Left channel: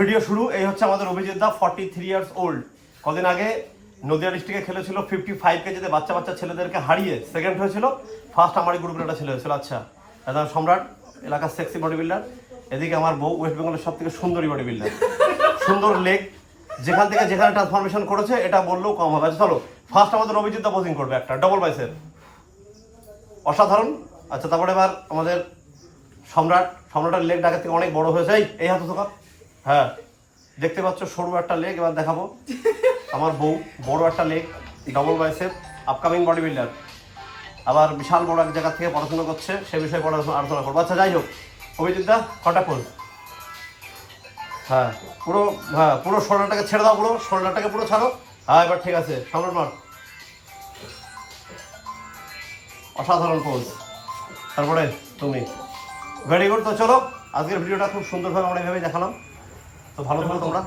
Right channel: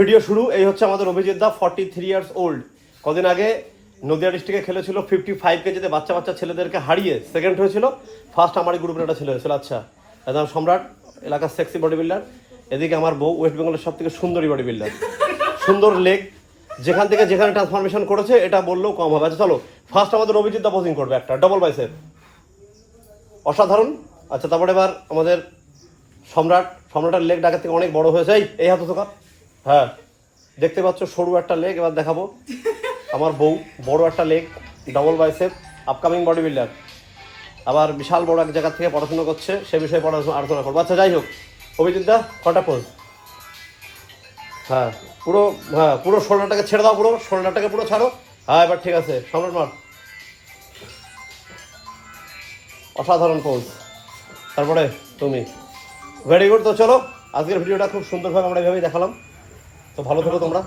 Video শুরু। এই হচ্ছে আমাদের অভিজিৎ দা, 43 ইয়ার্স ওল্ড। কদিন আগে নদিয়া ডিস্ট্রিক্টে খেলেছিল 55 কেজিতে বাচ্চা বাচ্চা ছেলেদেরকে হারিয়ে সেকেন্ড হয়েছিল। ফার্স্ট আমারই গ্রুপের একটা ছেলে হয়েছিল। আচ্ছা, এটা সম্রাট, এলাকার সেক্সি বডি বিল্ডার। এদিকে আমার বউ, ওয়েস্ট বেঙ্গলের সব থেকে সুন্দরী বডি বিল্ডার, সুন্দর লেগ, যেখান থেকে যেখানে ট্রান্সফরমেশন করেছে এটা বললেও কম হবে। আচ্ছা চলো, ফার্স্ট আমাদের অভিজিৎ দা বোজিং করবে একটা ডবল বাইসেপ, অসাধারণ। আচ্ছা, তারপরে এবার আমাদের সম্রাটের লেগ আগের থেকে অনেক বড় হয়ে যায়। এই হাতে থাকা, হ্যাঁ দেখতে পাচ্ছ সরু একটা লেগ। এবার দেখাবো আমার বউ, বড় একটা leg, double bicep, upcoming body builder. আবার বিশাল বড় এক জায়গা থেকে পড়াশোনা করছে, সে বিষয়ে আলোচনা করবো। আচ্ছা যাই হোক, অভিজিৎ দা কন্টাক্ট করুন। হ্যাঁ পুরো শোল্ডারটাকে ছেড়ে দাও, পুরো শোল্ডারটাকে পুরো ছাড়ো। হ্যাঁ এবার ঠিক আছে, সম্রাট অসাধারণ পোজ। তারপরে তুমি, ভেরি গুড। তো চলো, আজকের ভিডিওটা খুব সুন্দরভাবে আমরা এইভাবেই দেখালাম। তো ভালো থাকো তোমরা।